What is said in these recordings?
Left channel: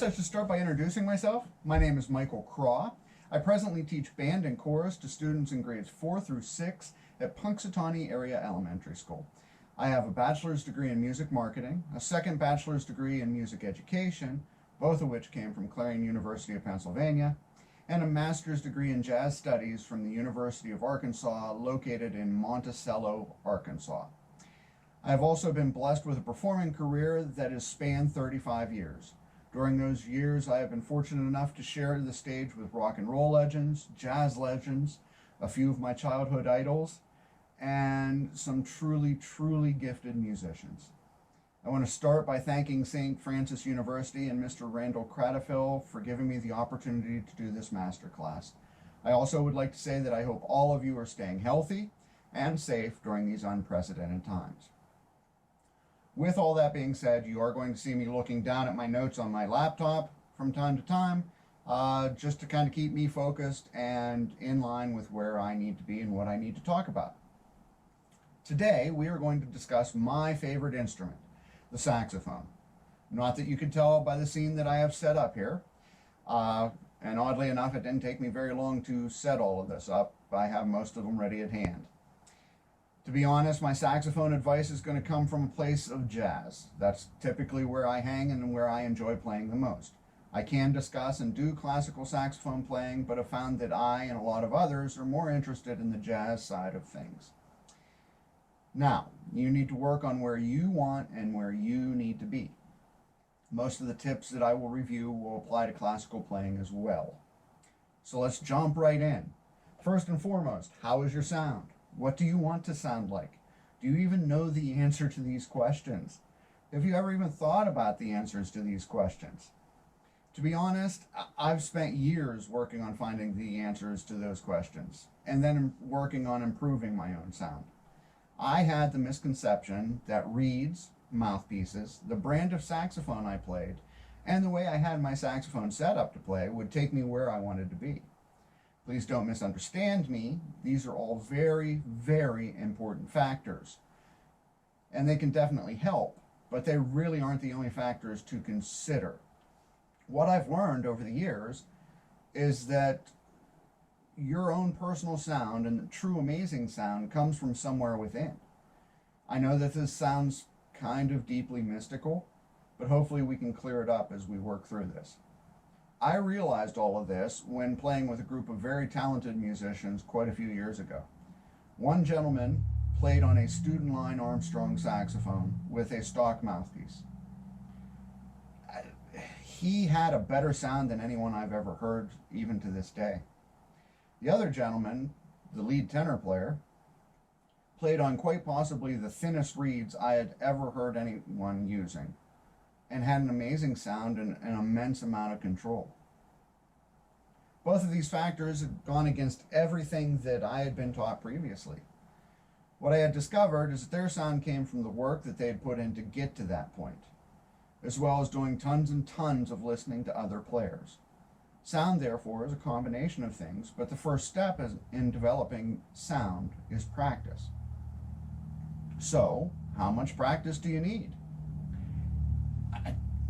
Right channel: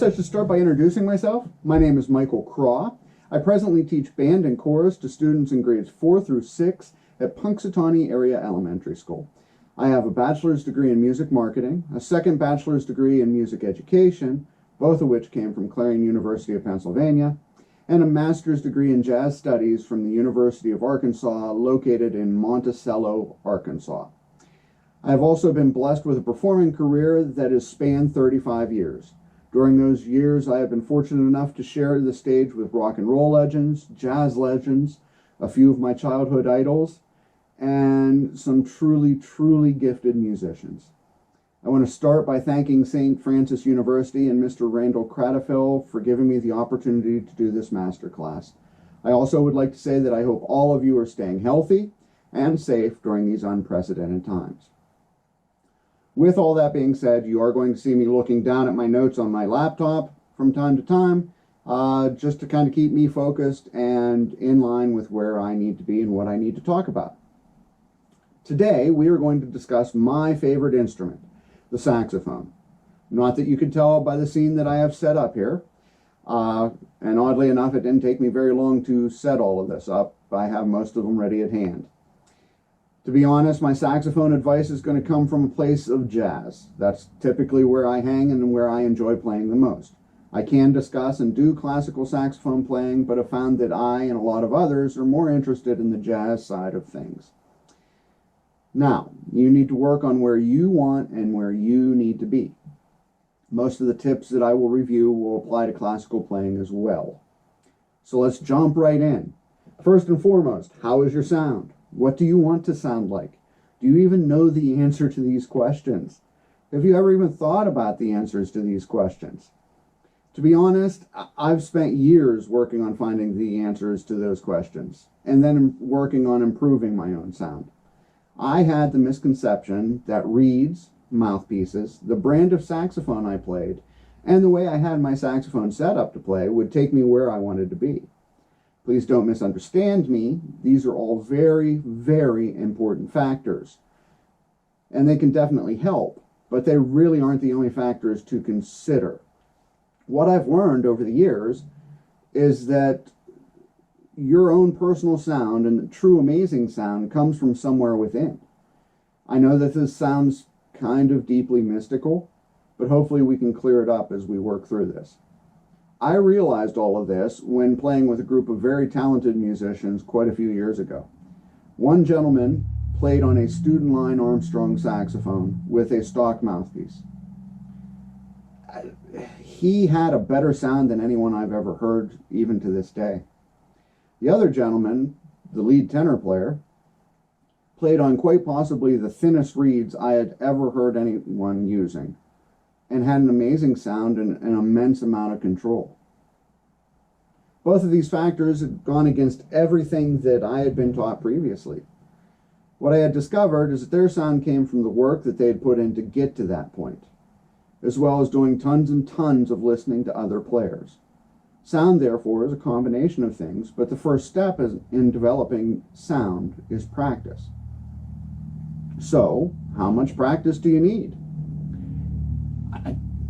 guess I should start by introducing myself. My name is Michael Craw. I presently teach band and chorus to students in grades 4 through 6 at Punxsutawney Area Elementary School. I have a bachelor's degree in music marketing, a second bachelor's degree in music education, both of which came from Clarion University of Pennsylvania, and a master's degree in jazz studies from the University of Arkansas, located in Monticello, Arkansas. I have also been blessed with a performing career that has spanned 35 years. During those years, I have been fortunate enough to share the stage with rock and roll legends, jazz legends, a few of my childhood idols, and some truly, truly gifted musicians. I want to start by thanking St. Francis University and Mr. Randall Cradafil for giving me the opportunity to do this masterclass. I also would like to say that I hope all of you are staying healthy and safe during these unprecedented times. With all that being said, you are going to see me looking down at my notes on my laptop from time to time, just to kind of keep me focused and in line with where I need to be and what I need to talk about. Today, we are going to discuss my favorite instrument, the saxophone. Not that you can tell by the scene that I have set up here. And oddly enough, it didn't take me very long to set all of this up. I have most of them ready at hand. To be honest, my saxophone advice is going to come from a place of jazz. That's typically where I hang and where I enjoy playing the most. I can discuss and do classical saxophone playing, but have found that I and a lot of others are more interested in the jazz side of things. Now, you need to work on where you want and where you need to be. Most of the tips that I will review will apply to classical playing as well. So let's jump right in. First and foremost, how is your sound? What do you want to sound like? Do you even know the answer to these questions? Have you ever even thought about the answers to these questions? To be honest, I've spent years working on finding the answers to those questions, and then working on improving my own sound. I had the misconception that reeds, mouthpieces, the brand of saxophone I played, and the way I had my saxophone set up to play would take me where I wanted to be. Please don't misunderstand me. These are all very, very important factors. And they can definitely help, but they really aren't the only factors to consider. What I've learned over the years is that your own personal sound and the true amazing sound comes from somewhere within. I know that this sounds kind of deeply mystical, but hopefully we can clear it up as we work through this. I realized all of this when playing with a group of very talented musicians quite a few years ago. One gentleman played on a student line Armstrong saxophone with a stock mouthpiece. He had a better sound than anyone I've ever heard, even to this day. The other gentleman, the lead tenor player, played on quite possibly the thinnest reeds I had ever heard anyone using, and had an amazing sound and an immense amount of control. Both of these factors had gone against everything that I had been taught previously. What I had discovered is that their sound came from the work that they had put in to get to that point, as well as doing tons and tons of listening to other players. Sound, therefore, is a combination of things, but the first step in developing sound is practice. So, how much practice do you need?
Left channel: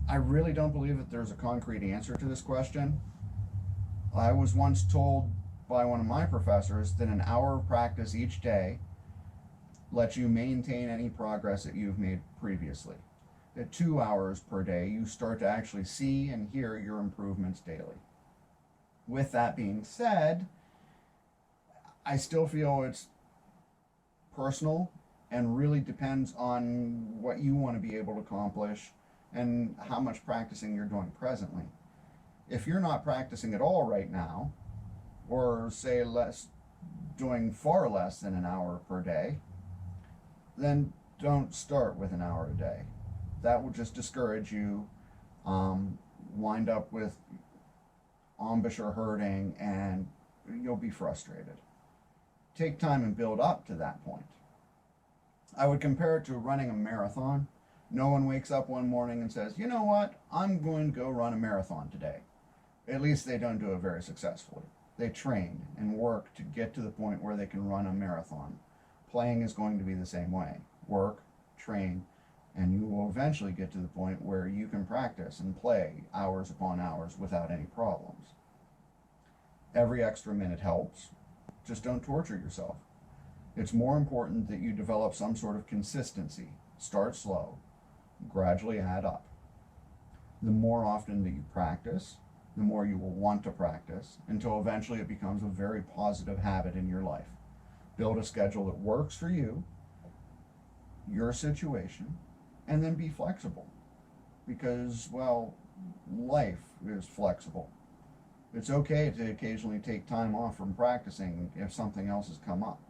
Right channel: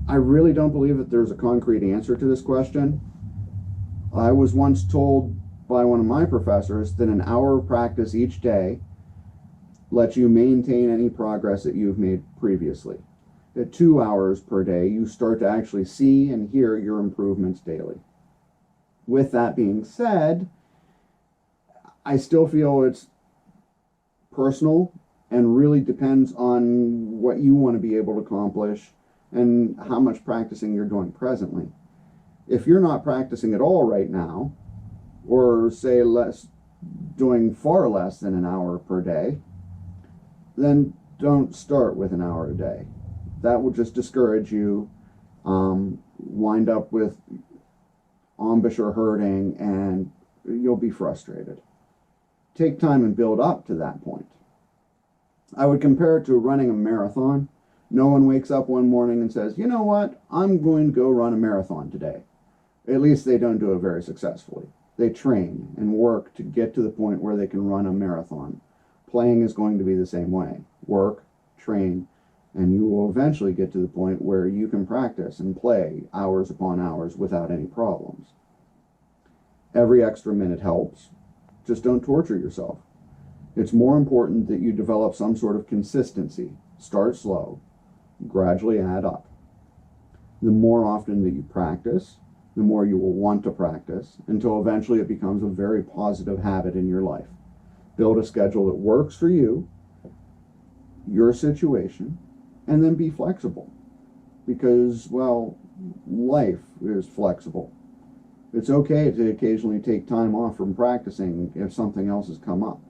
I really don't believe that there's a concrete answer to this question. I was once told by one of my professors that an hour of practice each day lets you maintain any progress that you've made previously. At 2 hours per day, you start to actually see and hear your improvements daily. With that being said, I still feel it's personal and really depends on what you want to be able to accomplish and how much practicing you're doing presently. If you're not practicing at all right now, or say doing far less than an hour per day, then don't start with an hour a day. That will just discourage you, wind up with embouchure hurting, and you'll be frustrated. Take time and build up to that point. I would compare it to running a marathon. No one wakes up one morning and says, you know what, I'm going to go run a marathon today. At least they don't do it very successfully. They train and work to get to the point where they can run a marathon. Playing is going to be the same way. Work, train, And you will eventually get to the point where you can practice and play hours upon hours without any problems. Every extra minute helps. Just don't torture yourself. It's more important that you develop some sort of consistency. Start slow, gradually add up. The more often that you practice, the more you will want to practice until eventually it becomes a very positive habit in your life. Build a schedule that works for you, your situation, and then be flexible. Because, well, life is flexible. It's okay to occasionally take time off from practicing if something else has come up.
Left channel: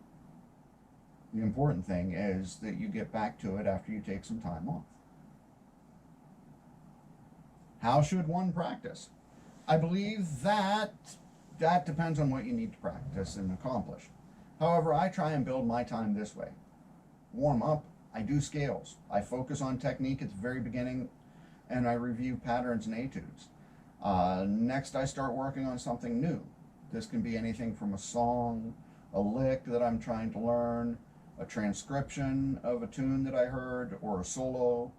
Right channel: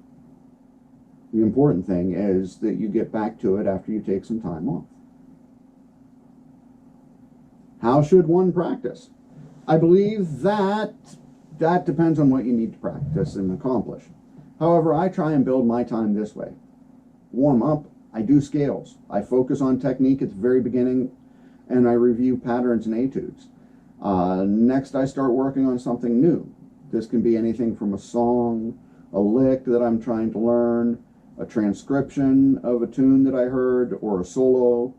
The important thing is that you get back to it after you take some time off. How should one practice? I believe that depends on what you need to practice and accomplish. However, I try and build my time this way. Warm up, I do scales. I focus on technique at the very beginning, and I review patterns and etudes. Next, I start working on something new. This can be anything from a song, a lick that I'm trying to learn, a transcription of a tune that I heard, or a solo,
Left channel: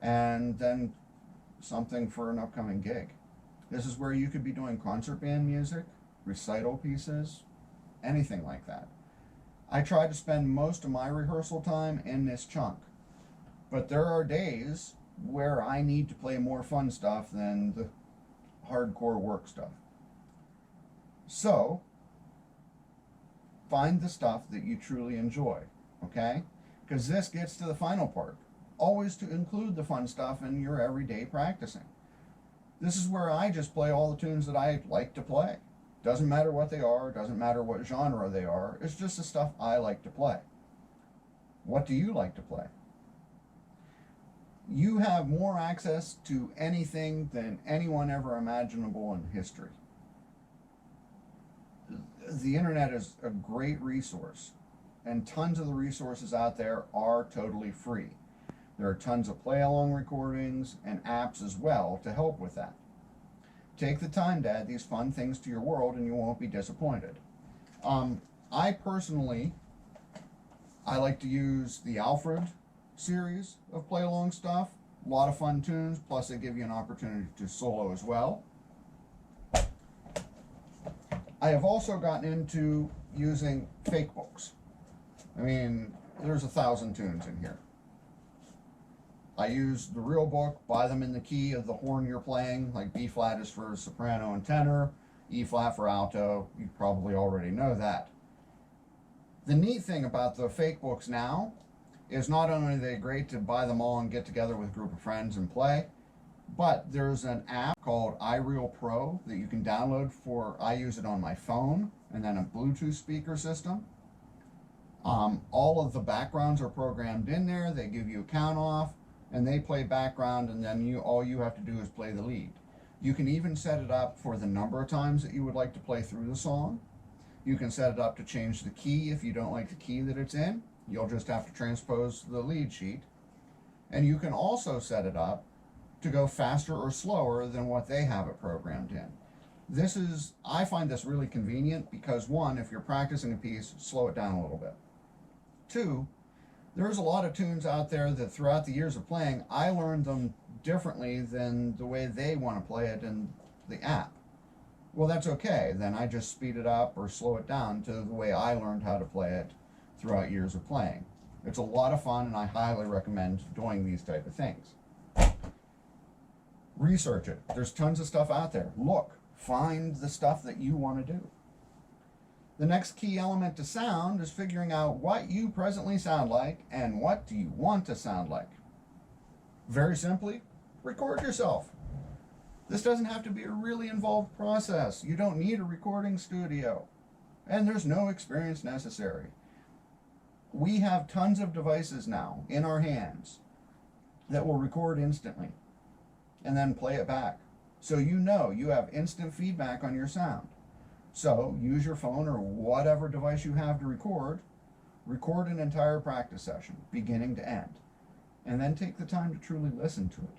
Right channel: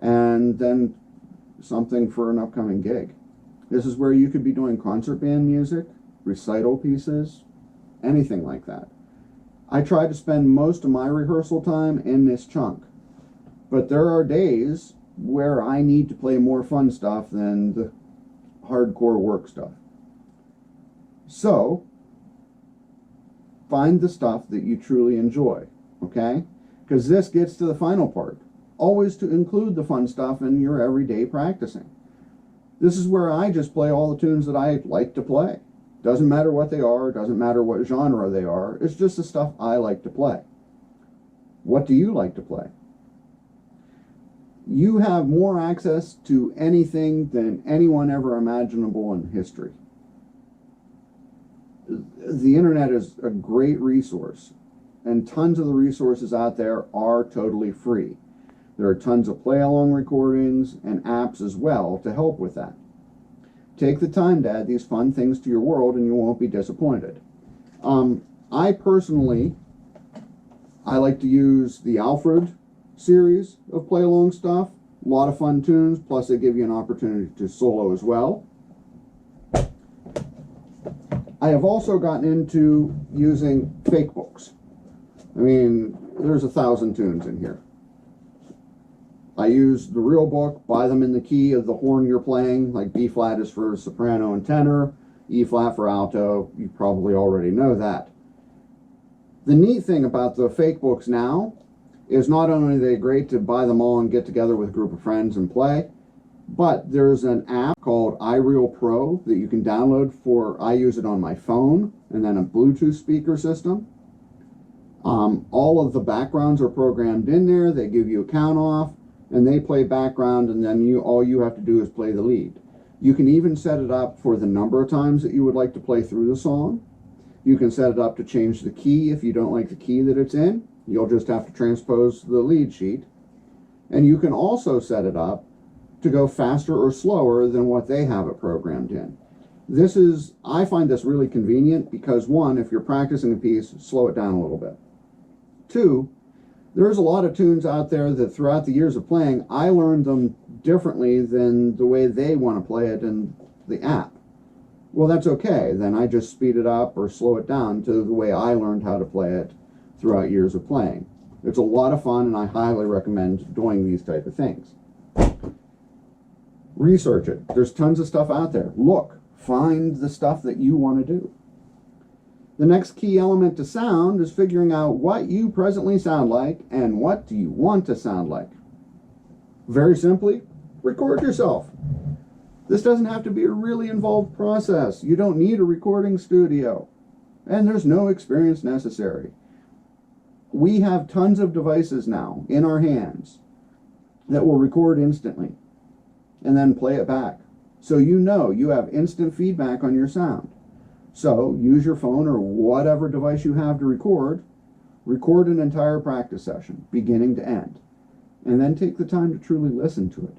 and then something for an upcoming gig. This is where you could be doing concert band music, recital pieces, anything like that. I try to spend most of my rehearsal time in this chunk, but there are days where I need to play more fun stuff than the hardcore work stuff. So, find the stuff that you truly enjoy, okay? Because this gets to the final part. Always to include the fun stuff in your everyday practicing. This is where I just play all the tunes that I like to play. Doesn't matter what they are, doesn't matter what genre they are, it's just the stuff I like to play. What do you like to play? You have more access to anything than anyone ever imaginable in history. The internet is a great resource, and tons of the resources out there are totally free. There are tons of play-along recordings and apps as well to help with that. Take the time to add these fun things to your world and you won't be disappointed. I personally like to use the Alfred series of play-along stuff. A lot of fun tunes, plus they give you an opportunity to solo as well. I have also gotten into using fake books. I mean, there's 1,000 tunes in here. I use the real book, buy them in the key of the horn you're playing, like B flat is for soprano and tenor, E flat for alto. You probably already know that. The neat thing about the fake books now is not only are they great to buy them all and get together with a group of friends and play, but there's an app called iReal Pro that you can download for, I use it on my phone, and then a Bluetooth speaker system. All of the backgrounds are programmed in there. They give you a count off, and they play background, and then all you have to do is play the lead. You can even set it up for the number of times that you would like to play through the song. You can set it up to change the key if you don't like the key that it's in. You'll just have to transpose the lead sheet. And you can also set it up to go faster or slower than what they have it programmed in. I find this really convenient because, one, if you're practicing a piece, slow it down a little bit. Two, there's a lot of tunes out there that throughout the years of playing, I learned them differently than the way they want to play it in the app. Well, that's okay. Then I just speed it up or slow it down to the way I learned how to play it throughout years of playing. It's a lot of fun, and I highly recommend doing these type of things. Research it. There's tons of stuff out there. Look, find the stuff that you want to do. The next key element to sound is figuring out what you presently sound like and what do you want to sound like. Very simply, record yourself. This doesn't have to be a really involved process. You don't need a recording studio, and there's no experience necessary. We have tons of devices now in our hands that will record instantly and then play it back. So you know you have instant feedback on your sound. So use your phone or whatever device you have to record an entire practice session, beginning to end, and then take the time to truly listen to it.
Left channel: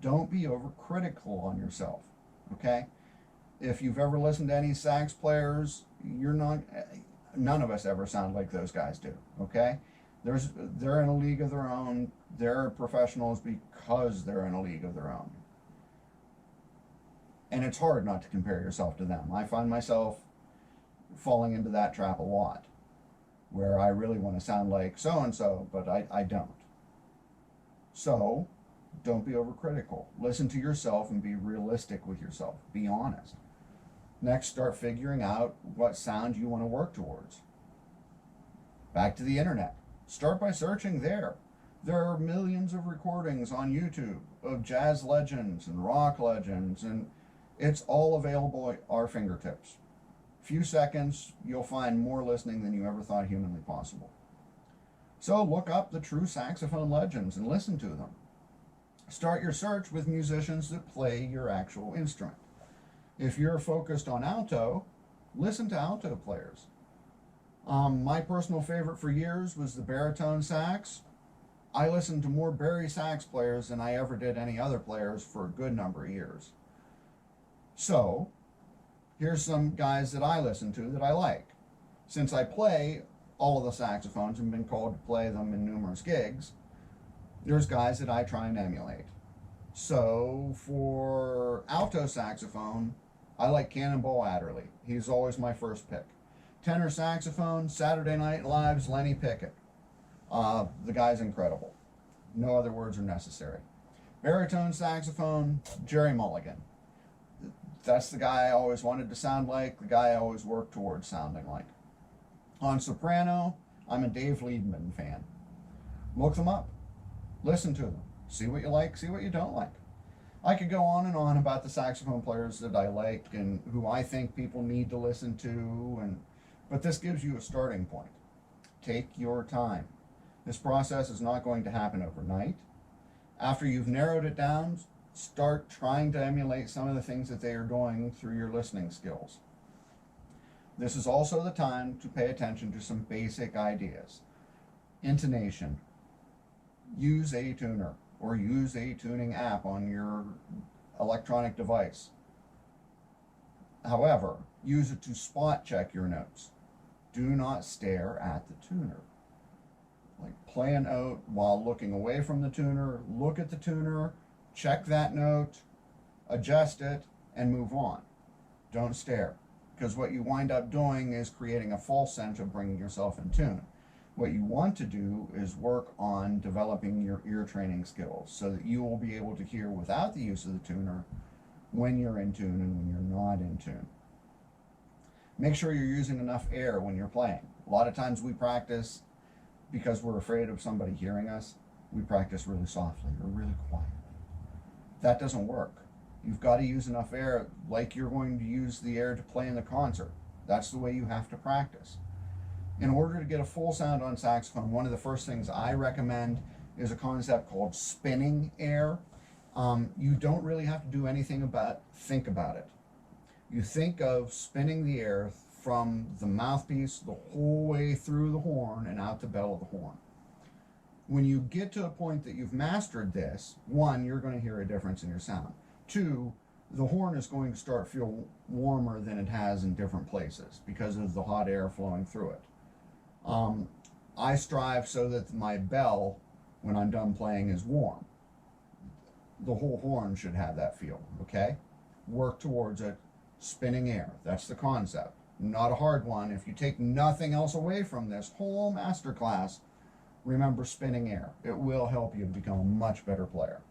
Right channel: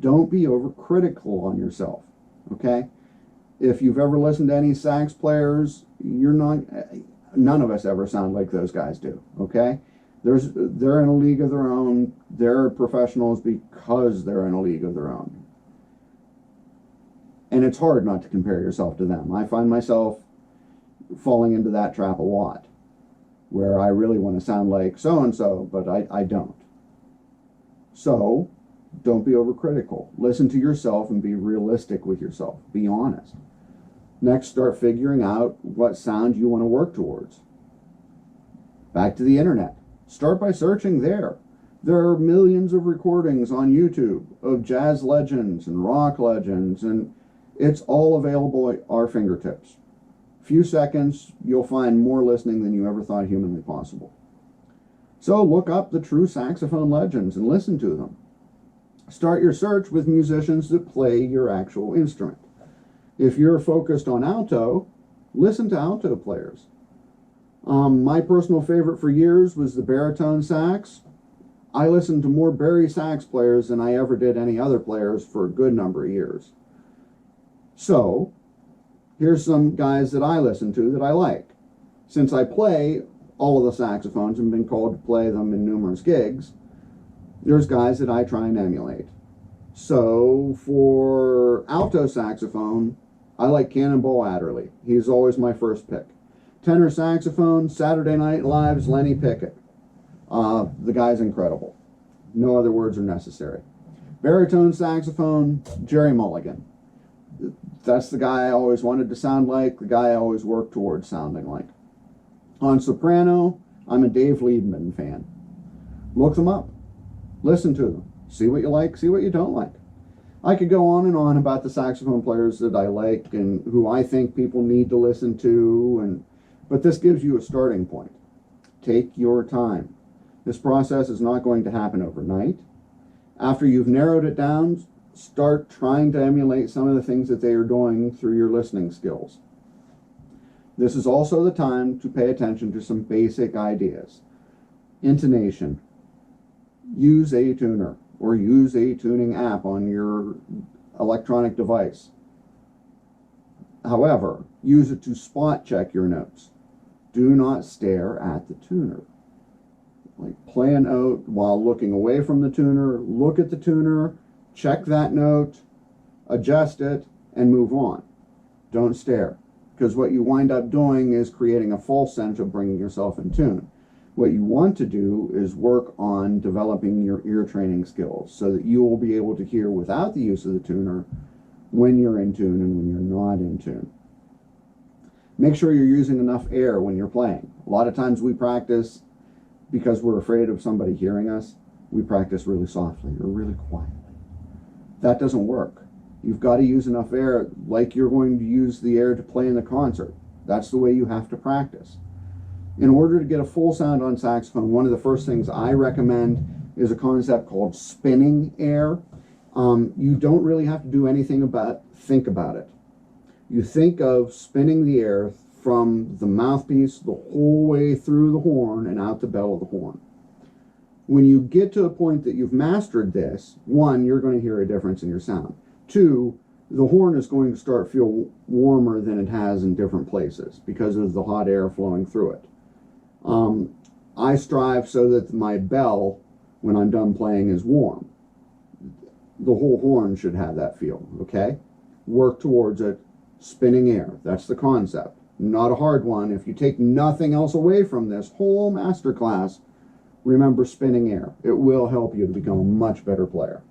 Don't be overcritical on yourself, okay? If you've ever listened to any sax players, none of us ever sound like those guys do, okay? They're in a league of their own. They're professionals because they're in a league of their own. And it's hard not to compare yourself to them. I find myself falling into that trap a lot, where I really want to sound like so-and-so, but I don't. So, don't be overcritical. Listen to yourself and be realistic with yourself. Be honest. Next, start figuring out what sound you want to work towards. Back to the internet. Start by searching there. There are millions of recordings on YouTube of jazz legends and rock legends, and it's all available at our fingertips. Few seconds, you'll find more listening than you ever thought humanly possible. So look up the true saxophone legends and listen to them. Start your search with musicians that play your actual instrument. If you're focused on alto, listen to alto players. My personal favorite for years was the baritone sax. I listened to more bari sax players than I ever did any other players for a good number of years. So, here's some guys that I listen to that I like. Since I play all of the saxophones and been called to play them in numerous gigs, there's guys that I try and emulate. So, for alto saxophone, I like Cannonball Adderley. He's always my first pick. Tenor saxophone, Saturday Night Live's Lenny Pickett. The guy's incredible. No other words are necessary. Baritone saxophone, Jerry Mulligan. That's the guy I always wanted to sound like, the guy I always worked towards sounding like. On soprano, I'm a Dave Liebman fan. Look them up. Listen to them. See what you like, see what you don't like. I could go on and on about the saxophone players that I like and who I think people need to listen to, but this gives you a starting point. Take your time. This process is not going to happen overnight. After you've narrowed it down, start trying to emulate some of the things that they are doing through your listening skills. This is also the time to pay attention to some basic ideas. Intonation. Use a tuner or use a tuning app on your electronic device. However, use it to spot check your notes. Do not stare at the tuner. Like, play a note while looking away from the tuner, look at the tuner, check that note, adjust it, and move on. Don't stare, because what you wind up doing is creating a false sense of bringing yourself in tune. What you want to do is work on developing your ear training skills so that you will be able to hear without the use of the tuner when you're in tune and when you're not in tune. Make sure you're using enough air when you're playing. A lot of times we practice because we're afraid of somebody hearing us. We practice really softly or really quietly. That doesn't work. You've got to use enough air like you're going to use the air to play in the concert. That's the way you have to practice. In order to get a full sound on saxophone, one of the first things I recommend is a concept called spinning air. You don't really have to do anything think about it. You think of spinning the air from the mouthpiece the whole way through the horn and out the bell of the horn. When you get to a point that you've mastered this, one, you're going to hear a difference in your sound. Two, the horn is going to start to feel warmer than it has in different places because of the hot air flowing through it. I strive so that my bell, when I'm done playing, is warm. The whole horn should have that feel, okay? Work towards it, spinning air. That's the concept. Not a hard one. If you take nothing else away from this whole masterclass, remember spinning air. It will help you to become a much better player.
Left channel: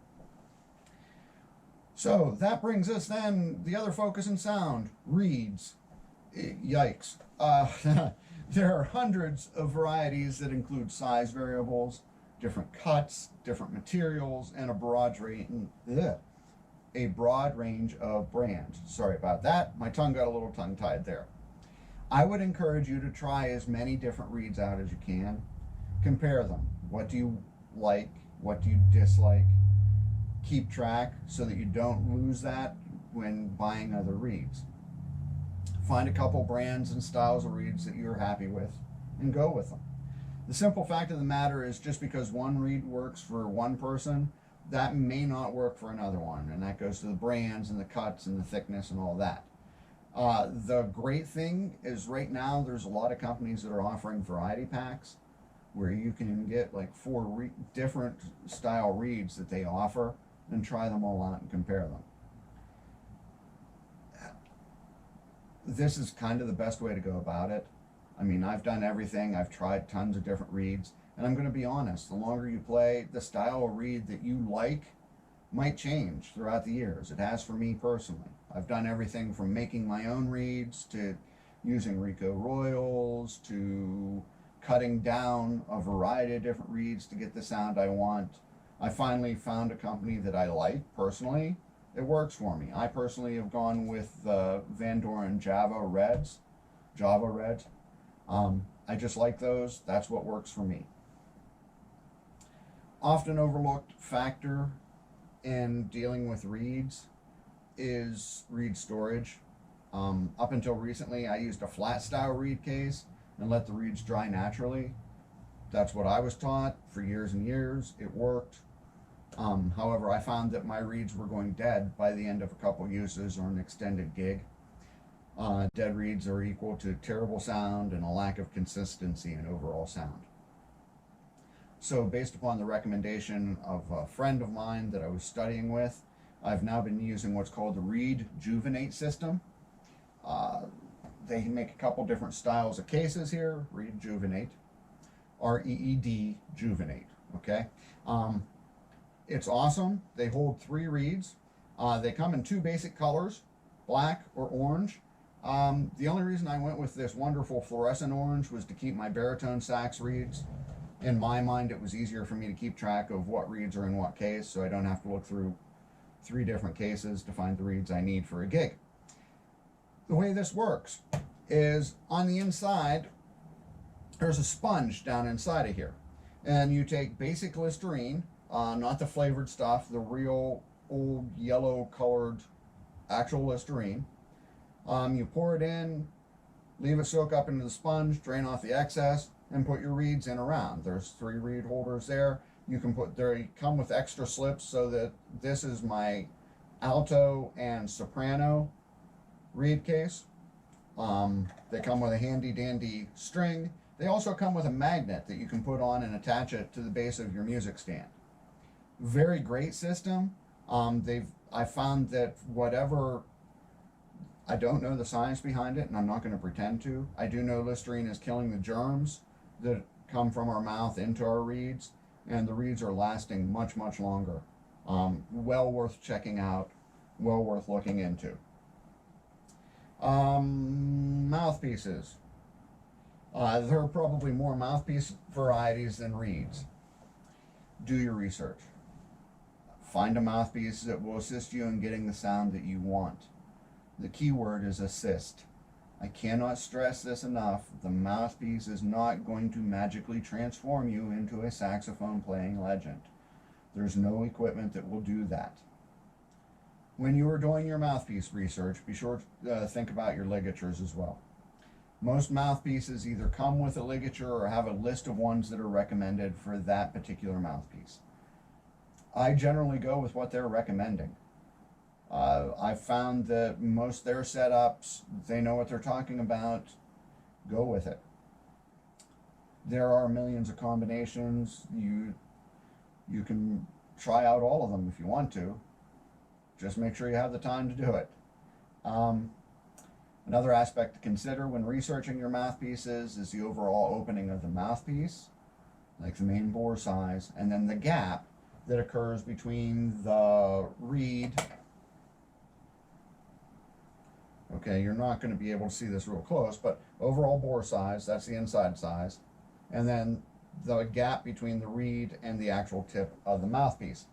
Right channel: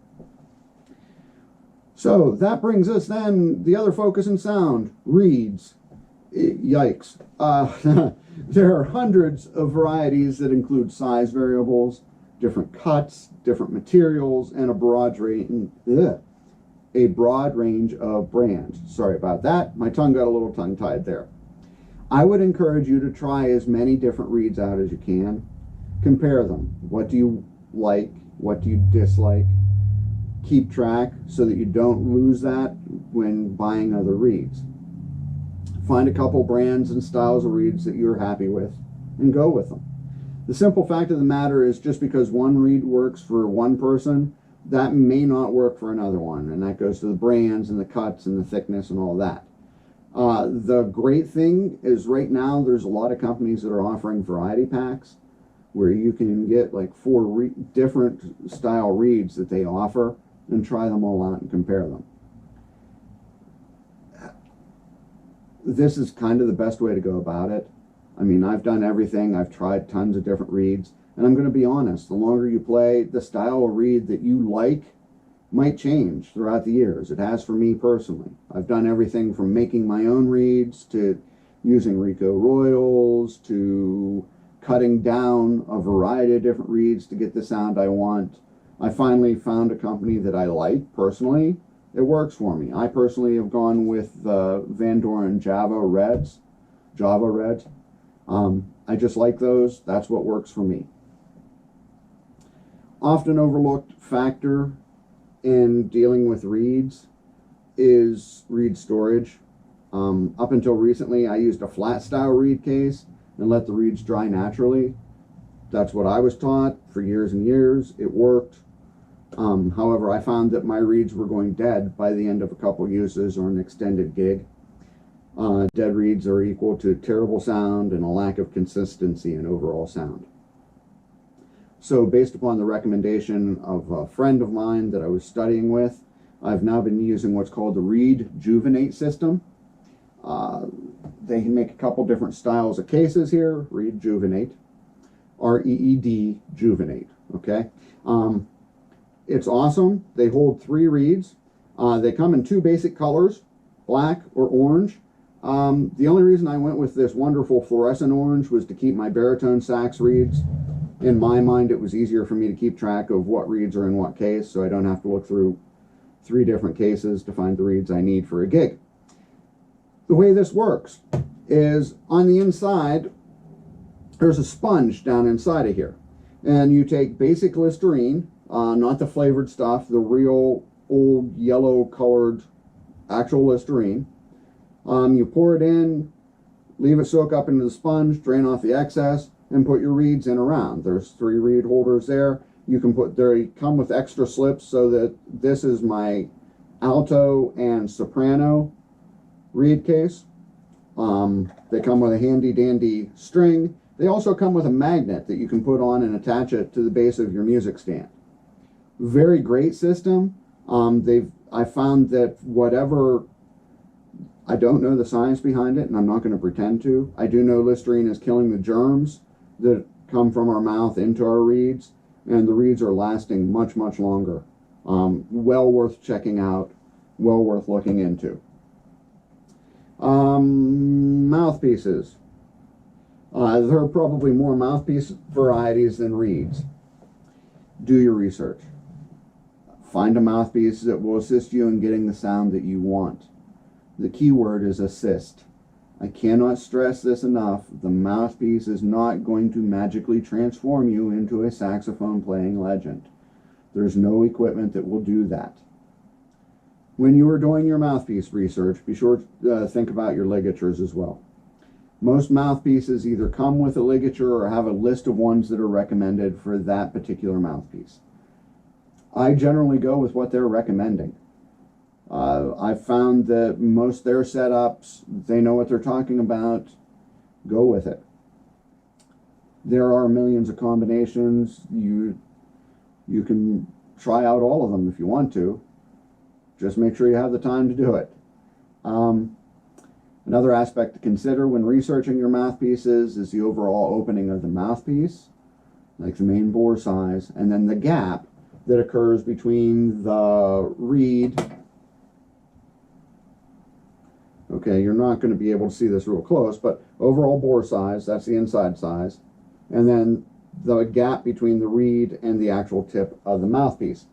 So that brings us then the other focus in sound, reeds. Yikes. There are hundreds of varieties that include size variables, different cuts, different materials, and a broad range of brands. Sorry about that. My tongue got a little tongue-tied there. I would encourage you to try as many different reeds out as you can. Compare them. What do you like? What do you dislike? Keep track so that you don't lose that when buying other reeds. Find a couple brands and styles of reeds that you're happy with and go with them. The simple fact of the matter is just because one reed works for one person, that may not work for another one. And that goes to the brands and the cuts and the thickness and all that. The great thing is right now there's a lot of companies that are offering variety packs. where you can get like four different style reeds that they offer and try them all out and compare them. This is kind of the best way to go about it. I mean, I've done everything. I've tried tons of different reeds, and I'm going to be honest, the longer you play, the style of reed that you like might change throughout the years. It has for me personally. I've done everything from making my own reeds to using Rico Royals to cutting down a variety of different reeds to get the sound I want. I finally found a company that I like personally. It works for me. I personally have gone with Van Doren Java Reds. I just like those. That's what works for me. Often overlooked factor in dealing with reeds is reed storage. Up until recently, I used a flat style reed case and let the reeds dry naturally. That's what I was taught for years and years. It worked. However, I found that my reeds were going dead by the end of a couple uses or an extended gig. Dead reeds are equal to terrible sound and a lack of consistency in overall sound. So based upon the recommendation of a friend of mine that I was studying with, I've now been using what's called the Reed Juvenate system. They make a couple different styles of cases here. Reed Juvenate, R-E-E-D Juvenate, okay? It's awesome. They hold 3 reeds. They come in 2 basic colors, black or orange. The only reason I went with this wonderful fluorescent orange was to keep my baritone sax reeds. In my mind, it was easier for me to keep track of what reeds are in what case, so I don't have to look through 3 different cases to find the reeds I need for a gig. The way this works is on the inside, there's a sponge down inside of here. And you take basic Listerine, not the flavored stuff, the real old yellow colored actual Listerine. You pour it in, leave it soak up into the sponge, drain off the excess, and put your reeds in around. There's 3 reed holders there. You can put, they come with extra slips so that this is my alto and soprano reed case. They come with a handy dandy string. They also come with a magnet that you can put on and attach it to the base of your music stand. Very great system. I found that whatever, I don't know the science behind it, and I'm not going to pretend to. I do know Listerine is killing the germs that come from our mouth into our reeds, and the reeds are lasting much, much longer. Well worth checking out, well worth looking into. Mouthpieces. There are probably more mouthpiece varieties than reeds. Do your research. Find a mouthpiece that will assist you in getting the sound that you want. The key word is assist. I cannot stress this enough. The mouthpiece is not going to magically transform you into a saxophone playing legend. There's no equipment that will do that. When you are doing your mouthpiece research, be sure to think about your ligatures as well. Most mouthpieces either come with a ligature or have a list of ones that are recommended for that particular mouthpiece. I generally go with what they're recommending. I've found that most their setups, they know what they're talking about. Go with it. There are millions of combinations. You can try out all of them if you want to. Just make sure you have the time to do it. Another aspect to consider when researching your mouthpieces is the overall opening of the mouthpiece, like the main bore size, and then the gap that occurs between the reed. Okay, you're not going to be able to see this real close, but overall bore size, that's the inside size, and then the gap between the reed and the actual tip of the mouthpiece.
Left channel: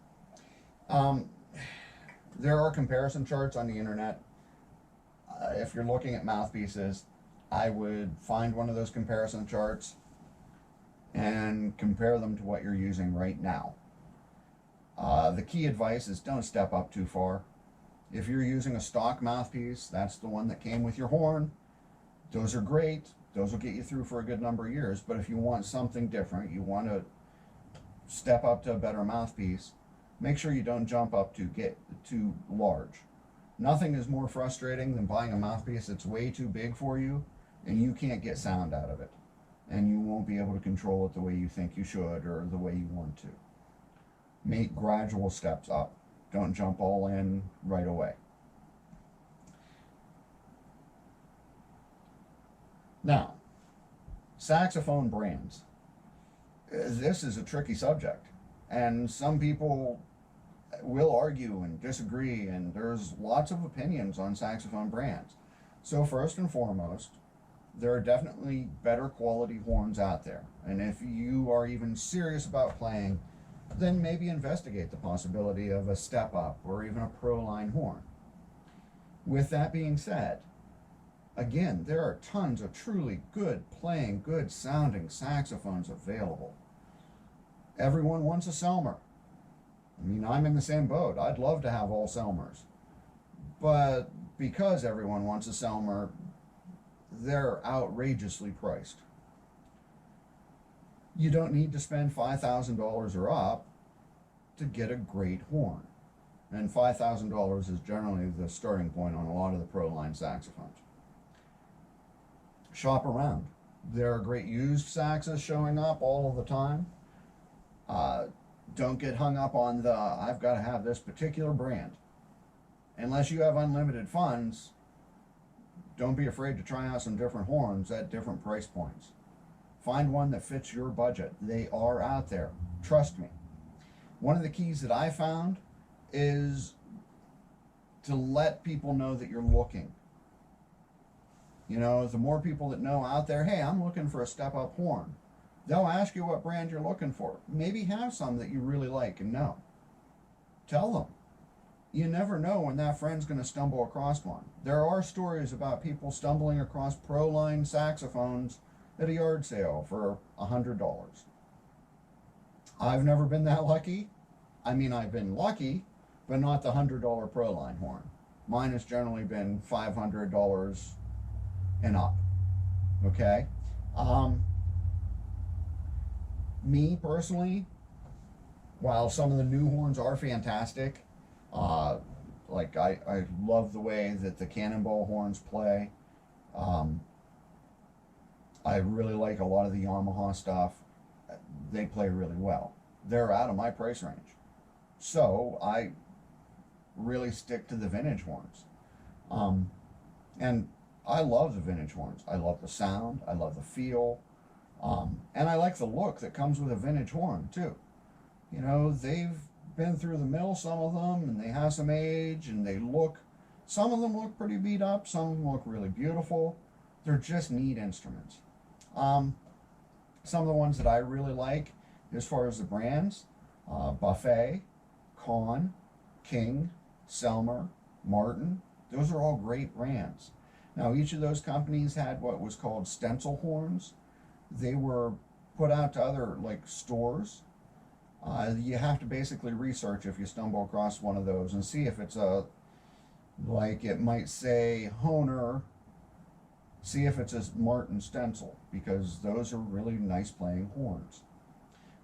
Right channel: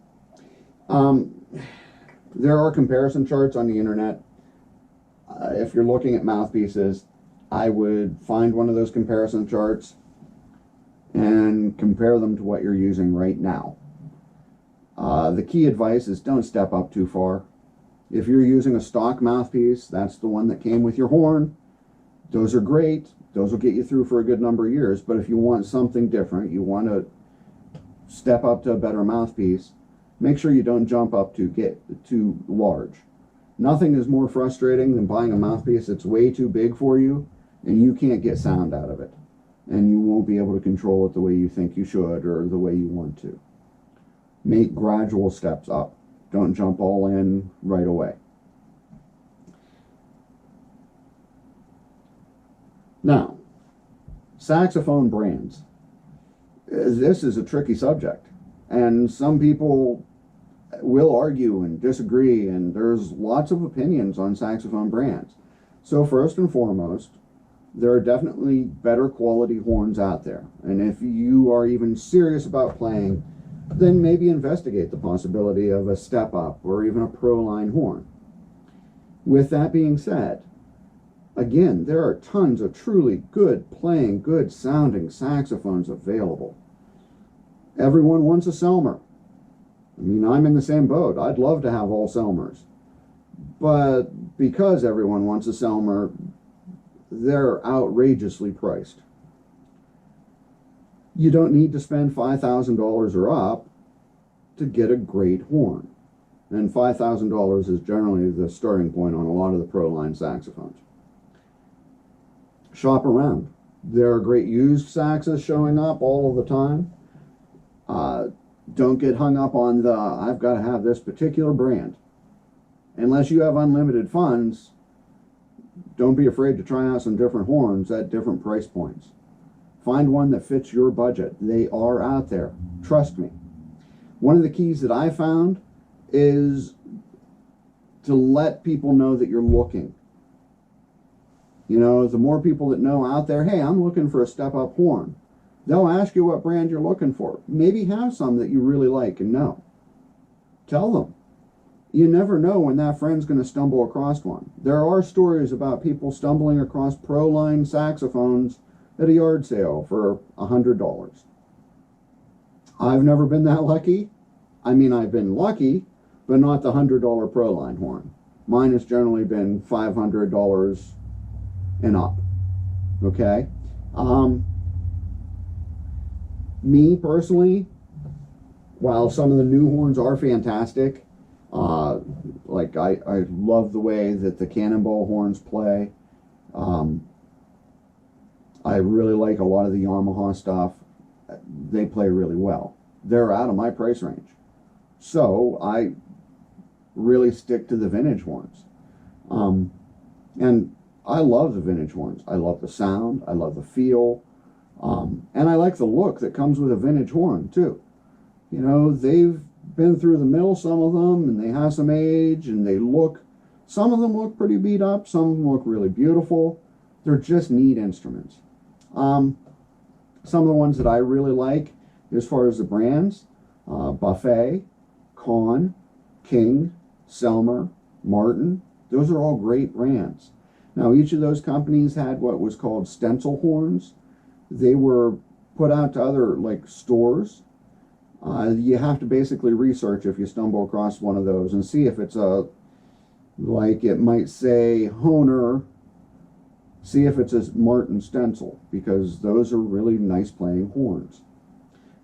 There are comparison charts on the internet. If you're looking at mouthpieces, I would find one of those comparison charts and compare them to what you're using right now. The key advice is don't step up too far. If you're using a stock mouthpiece, that's the one that came with your horn. Those are great. Those will get you through for a good number of years. But if you want something different, you want to step up to a better mouthpiece, make sure you don't jump up to get too large. Nothing is more frustrating than buying a mouthpiece that's way too big for you and you can't get sound out of it. and you won't be able to control it the way you think you should or the way you want to. Make gradual steps up. Don't jump all in right away. Now, saxophone brands. This is a tricky subject, and some people will argue and disagree, and there's lots of opinions on saxophone brands. So first and foremost, there are definitely better quality horns out there, and if you are even serious about playing, then maybe investigate the possibility of a step up or even a pro line horn. With that being said, again, there are tons of truly good playing, good sounding saxophones available. Everyone wants a Selmer. I mean, I'm in the same boat. I'd love to have all Selmers. But because everyone wants a Selmer, they're outrageously priced. You don't need to spend $5,000 or up to get a great horn. And $5,000 is generally the starting point on a lot of the pro line saxophones. Shop around. There are great used saxes showing up all of the time. Don't get hung up on the, I've got to have this particular brand. Unless you have unlimited funds, don't be afraid to try out some different horns at different price points. Find one that fits your budget. They are out there. Trust me. One of the keys that I found is to let people know that you're looking. You know, the more people that know out there, hey, I'm looking for a step-up horn, they'll ask you what brand you're looking for. Maybe have some that you really like and know. Tell them. You never know when that friend's going to stumble across one. There are stories about people stumbling across pro-line saxophones at a yard sale for $100. I've never been that lucky. I mean, I've been lucky, but not the $100 pro-line horn. Mine has generally been $500 and up. Okay? Me personally, while some of the new horns are fantastic, like I love the way that the Cannonball horns play. I really like a lot of the Yamaha stuff. They play really well. They're out of my price range. So I really stick to the vintage horns. And I love the vintage horns. I love the sound. I love the feel. And I like the look that comes with a vintage horn too. You know, they've been through the mill, some of them, and they have some age, and some of them look pretty beat up, some of them look really beautiful. They're just neat instruments. Some of the ones that I really like, as far as the brands, Buffet, Kahn, King, Selmer, Martin, those are all great brands. Now, each of those companies had what was called stencil horns. They were put out to other stores. You have to basically research if you stumble across one of those and see if it's it might say Hohner, see if it's a Martin stencil, because those are really nice playing horns.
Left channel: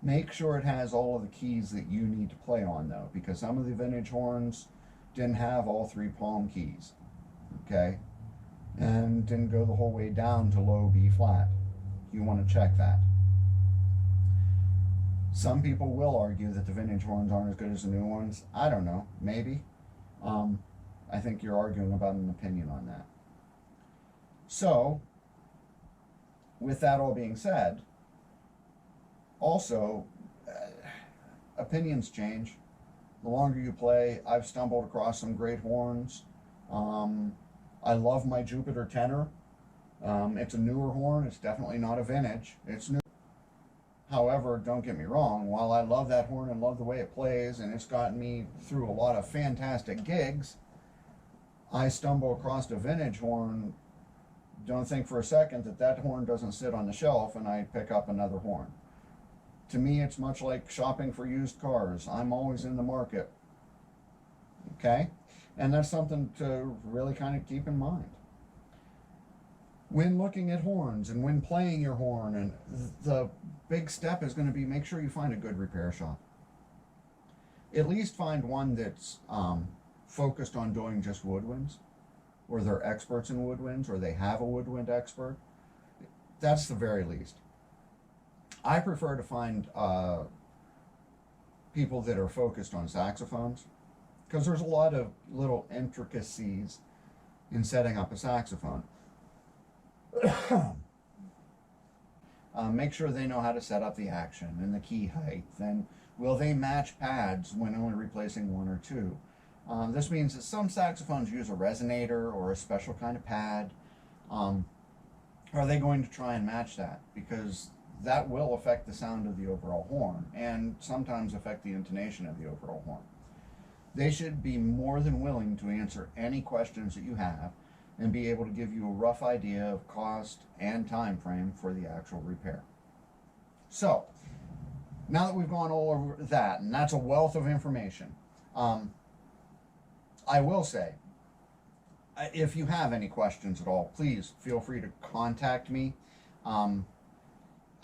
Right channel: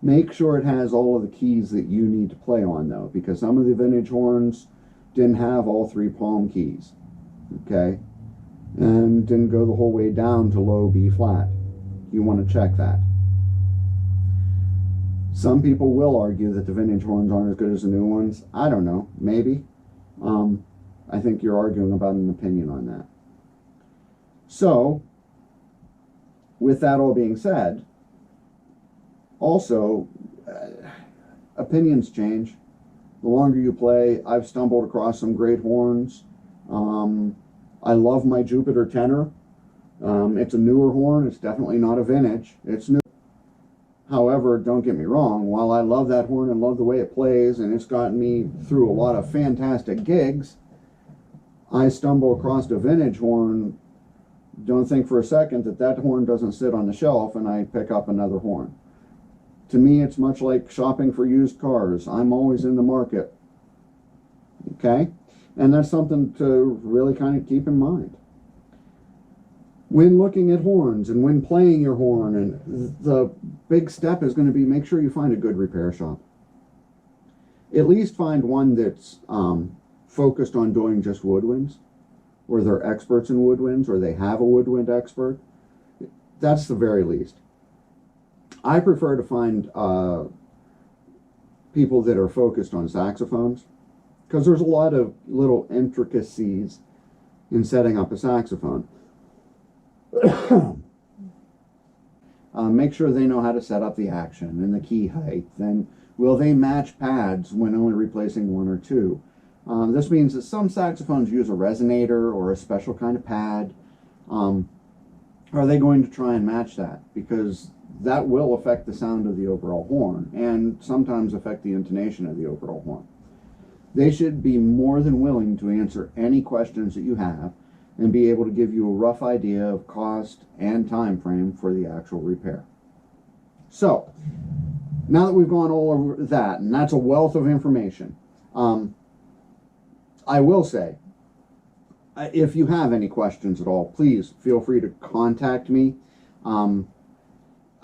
Make sure it has all of the keys that you need to play on though, because some of the vintage horns didn't have all 3 palm keys, okay? And didn't go the whole way down to low B flat. You want to check that. Some people will argue that the vintage horns aren't as good as the new ones. I don't know, maybe. I think you're arguing about an opinion on that. So, with that all being said, also, opinions change. The longer you play, I've stumbled across some great horns. I love my Jupiter tenor. It's a newer horn. It's definitely not a vintage. It's new. However, don't get me wrong, while I love that horn and love the way it plays, and it's gotten me through a lot of fantastic gigs, I stumble across a vintage horn, don't think for a second that that horn doesn't sit on the shelf and I pick up another horn. To me, it's much like shopping for used cars. I'm always in the market. Okay? And that's something to really kind of keep in mind. When looking at horns and when playing your horn, and the big step is going to be make sure you find a good repair shop. At least find one that's focused on doing just woodwinds, or they're experts in woodwinds, or they have a woodwind expert. That's the very least. I prefer to find people that are focused on saxophones, because there's a lot of little intricacies in setting up a saxophone. Make sure they know how to set up the action and the key height, and will they match pads when only replacing one or two. This means that some saxophones use a resonator or a special kind of pad. Are they going to try and match that? Because that will affect the sound of the overall horn and sometimes affect the intonation of the overall horn. They should be more than willing to answer any questions that you have and be able to give you a rough idea of cost and time frame for the actual repair. So, now that we've gone all over that, and that's a wealth of information, I will say, if you have any questions at all, please feel free to contact me.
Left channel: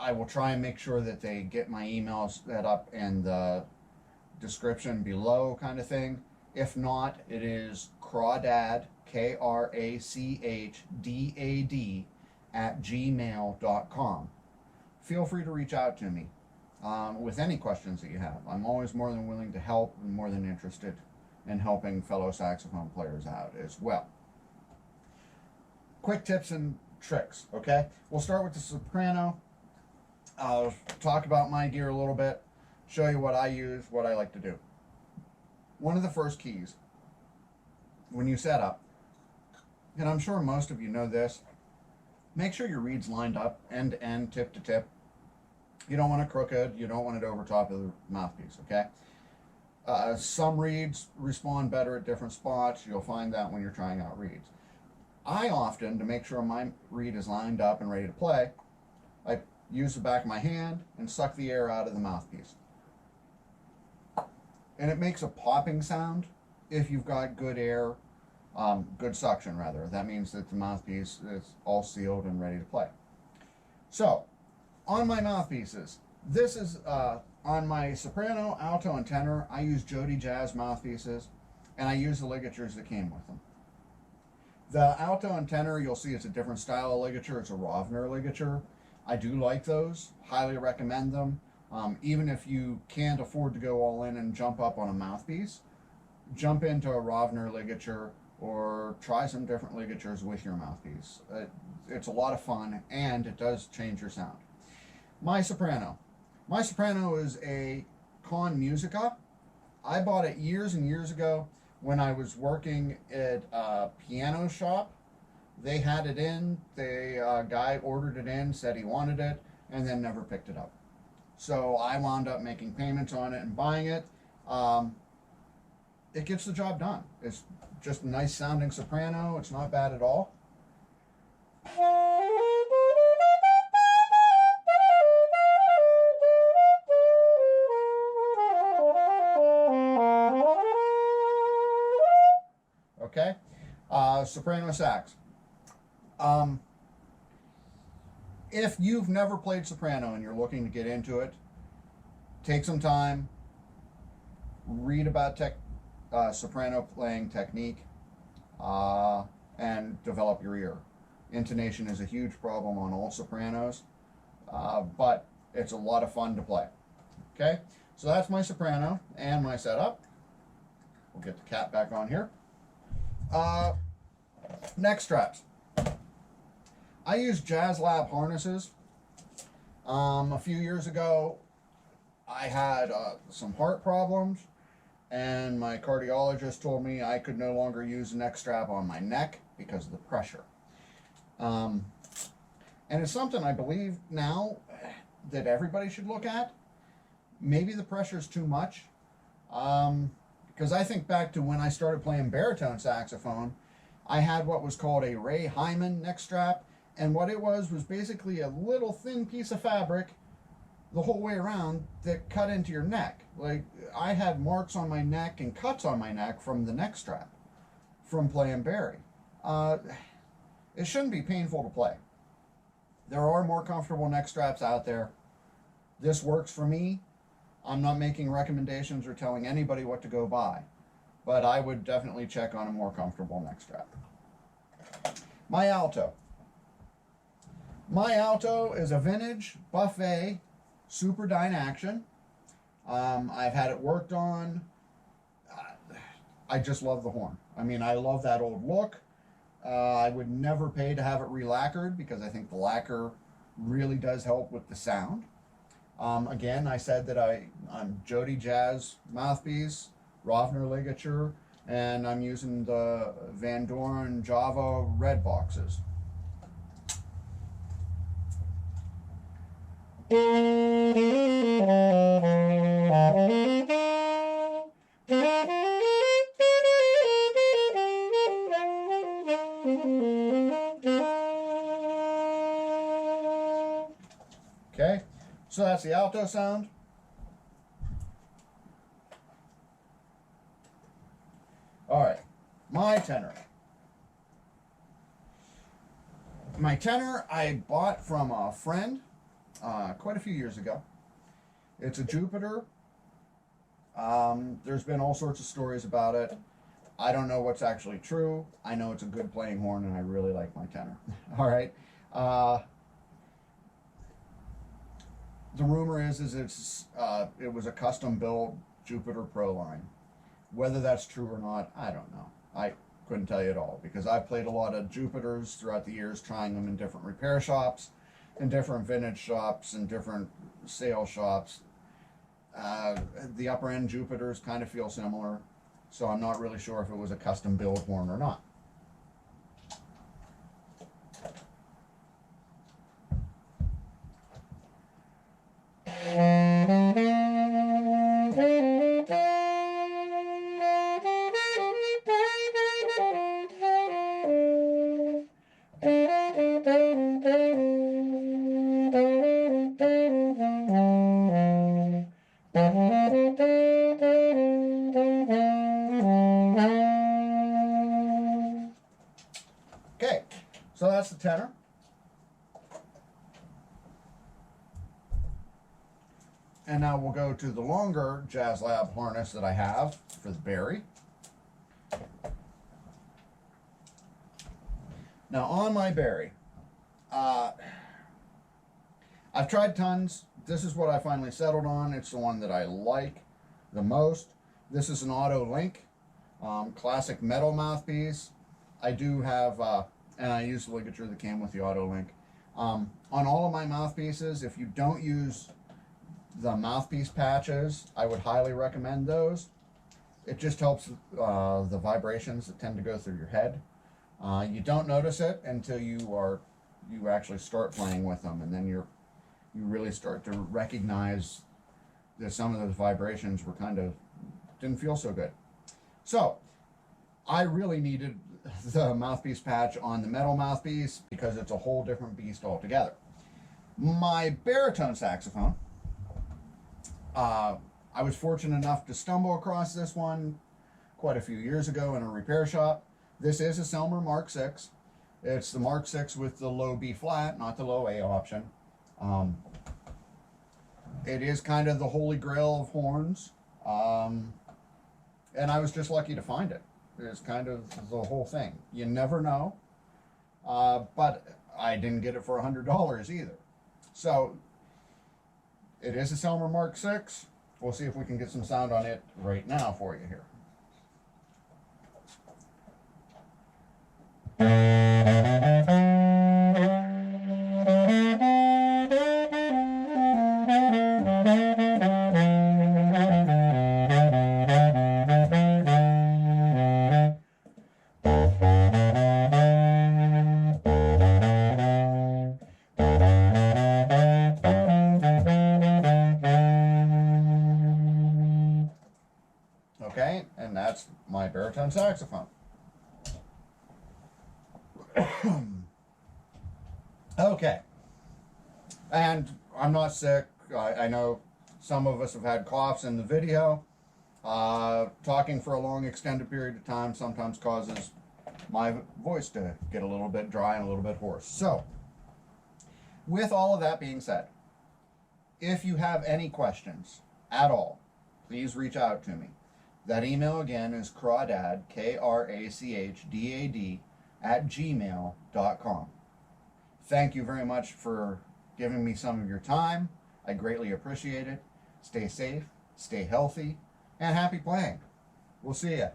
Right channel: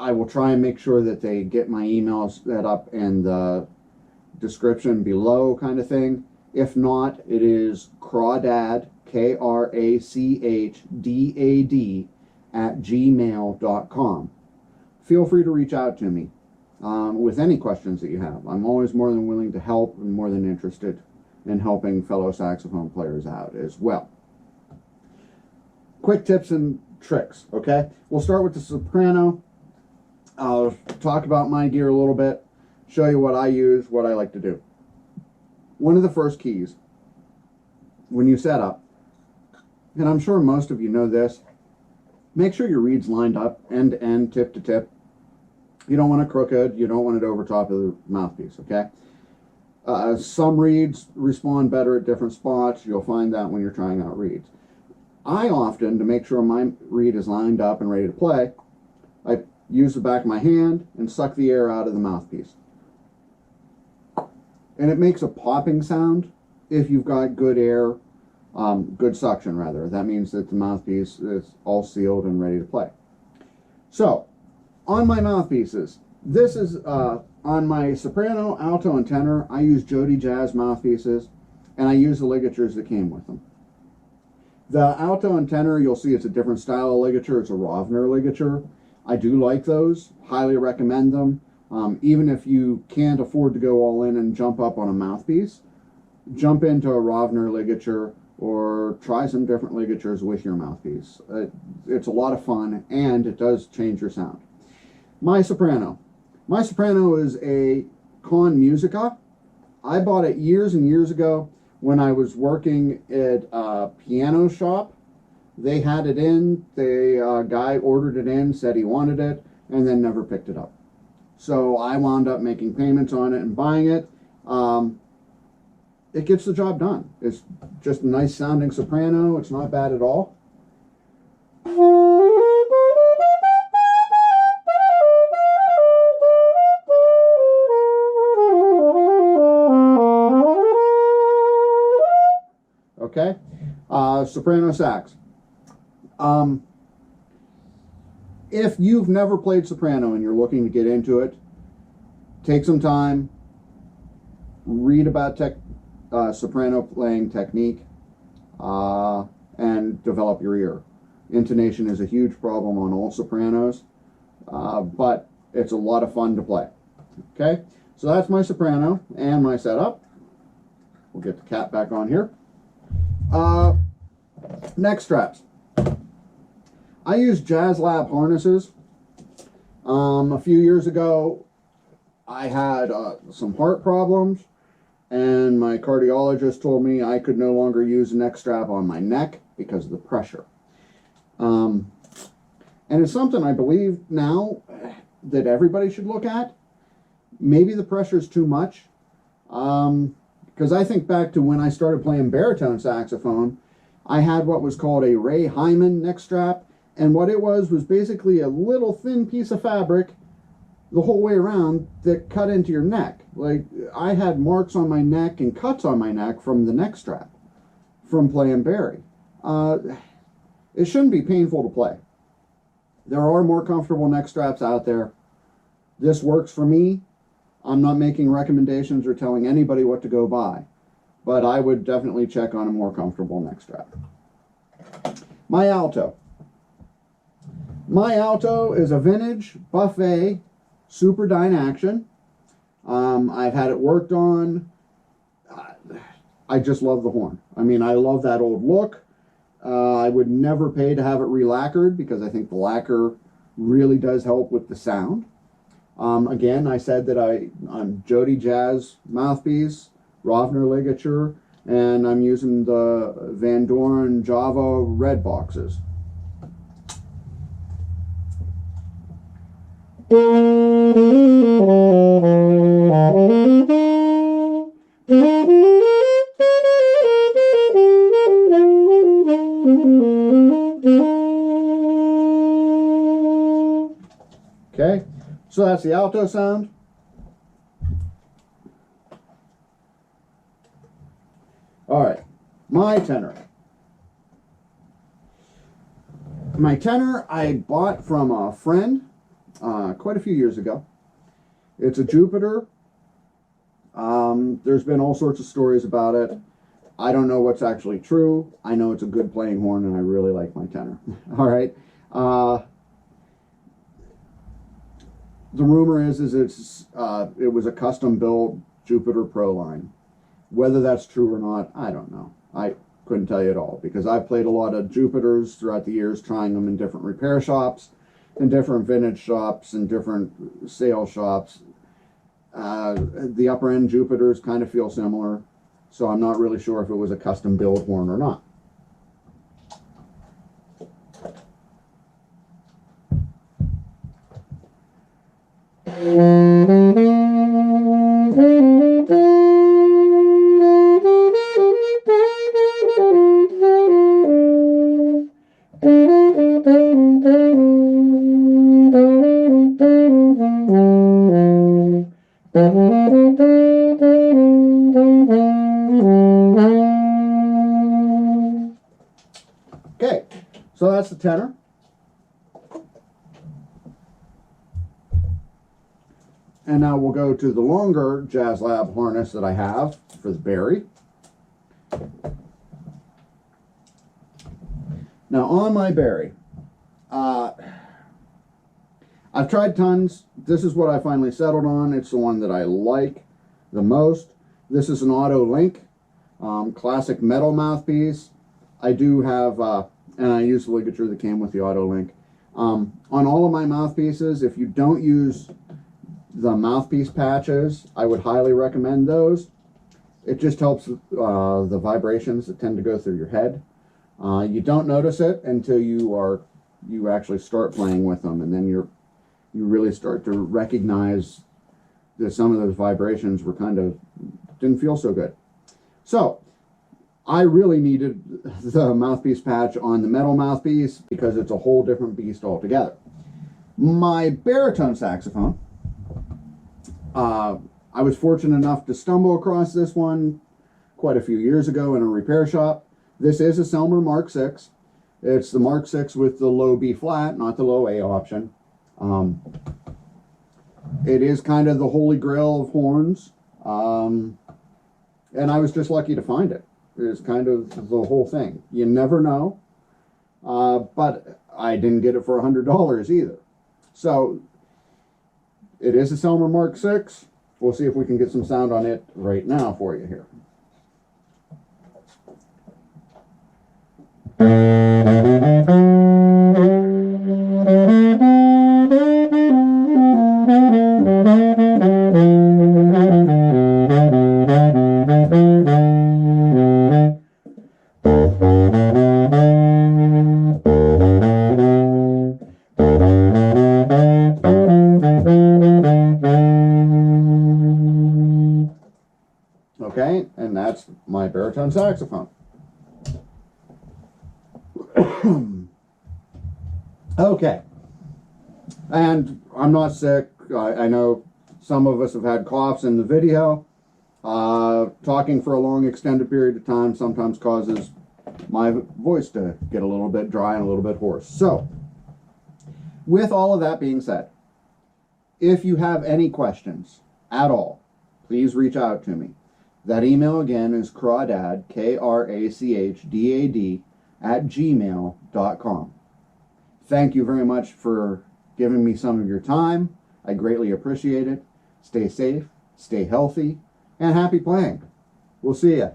I will try and make sure that they get my email set up in the description below, kind of thing. If not, it is crawdad, KRACHDAD @gmail.com. Feel free to reach out to me with any questions that you have. I'm always more than willing to help and more than interested in helping fellow saxophone players out as well. Quick tips and tricks, okay? We'll start with the soprano. I'll talk about my gear a little bit, show you what I use, what I like to do. One of the first keys when you set up, and I'm sure most of you know this, make sure your reed's lined up end to end, tip to tip. You don't want it crooked, you don't want it over top of the mouthpiece, okay? Some reeds respond better at different spots. You'll find that when you're trying out reeds. I often, to make sure my reed is lined up and ready to play, I use the back of my hand and suck the air out of the mouthpiece. And it makes a popping sound if you've got good air, good suction rather. That means that the mouthpiece is all sealed and ready to play. So, on my mouthpieces, this is on my soprano, alto, and tenor. I use Jody Jazz mouthpieces, and I use the ligatures that came with them. The alto and tenor, you'll see it's a different style of ligature. It's a Rovner ligature. I do like those, highly recommend them. Even if you can't afford to go all in and jump up on a mouthpiece, jump into a Rovner ligature or try some different ligatures with your mouthpiece. It's a lot of fun, and it does change your sound. My soprano. My soprano is a Con Musica. I bought it years and years ago when I was working at a piano shop. They had it in, the guy ordered it in, said he wanted it, and then never picked it up. So I wound up making payments on it and buying it. It gets the job done. It's just a nice sounding soprano. It's not bad at all. Okay, soprano sax. If you've never played soprano and you're looking to get into it, take some time, read about soprano playing technique, and develop your ear. Intonation is a huge problem on all sopranos, but it's a lot of fun to play. Okay, so that's my soprano and my setup. We'll get the cap back on here. Neck straps. I use Jazz Lab harnesses. A few years ago, I had some heart problems, and my cardiologist told me I could no longer use a neck strap on my neck because of the pressure. And it's something I believe now that everybody should look at. Maybe the pressure is too much. Because I think back to when I started playing baritone saxophone, I had what was called a Ray Hyman neck strap, and what it was basically a little thin piece of fabric the whole way around that cut into your neck. Like, I had marks on my neck and cuts on my neck from the neck strap from playing bari. It shouldn't be painful to play. There are more comfortable neck straps out there. This works for me. I'm not making recommendations or telling anybody what to go buy, but I would definitely check on a more comfortable neck strap. My alto. My alto is a vintage buffet Super Dyne action. I've had it worked on. I just love the horn. I mean, I love that old look. I would never pay to have it re-lacquered because I think the lacquer really does help with the sound. Again, I said that I'm Jody Jazz mouthpiece, Rovner ligature, and I'm using the Van Doren Java red boxes. Okay, so that's the alto sound. All right, my tenor. My tenor I bought from a friend quite a few years ago. It's a Jupiter. There's been all sorts of stories about it. I don't know what's actually true. I know it's a good playing horn, and I really like my tenor. All right. The rumor is it was a custom built Jupiter Pro line. Whether that's true or not, I don't know. I couldn't tell you at all because I've played a lot of Jupiters throughout the years, trying them in different repair shops, in different vintage shops, and different sale shops. The upper end Jupiters kind of feel similar, so I'm not really sure if it was a custom build horn or not. Okay, so that's the tenor. And now we'll go to the longer Jazz Lab harness that I have for the Barry. Now on my Barry, I've tried tons. This is what I finally settled on. It's the one that I like the most. This is an Auto Link, classic metal mouthpiece. I do have, and I use the ligature that came with the Auto Link. On all of my mouthpieces, if you don't use the mouthpiece patches, I would highly recommend those. It just helps the vibrations that tend to go through your head. You don't notice it until you actually start playing with them, and then you really start to recognize that some of those vibrations were didn't feel so good. So I really needed the mouthpiece patch on the metal mouthpiece because it's a whole different beast altogether. My baritone saxophone, I was fortunate enough to stumble across this one quite a few years ago in a repair shop. This is a Selmer Mark VI. It's the Mark VI with the low B flat, not the low A option. It is kind of the holy grail of horns, and I was just lucky to find it. It's kind of the whole thing. You never know, but I didn't get it for $100 either. So it is a Selmer Mark VI. We'll see if we can get some sound on it right now for you here. Okay, and that's my baritone saxophone. Okay, and I'm not sick. I know some of us have had coughs in the video. Talking for a long extended period of time sometimes causes my voice to get a little bit dry and a little bit hoarse. So, with all of that being said, if you have any questions at all, please reach out to me. That email again is crawdad, KRACHDAD, @gmail.com. Thank you very much for giving me some of your time. I greatly appreciate it. Stay safe, stay healthy, and happy playing. We'll see ya.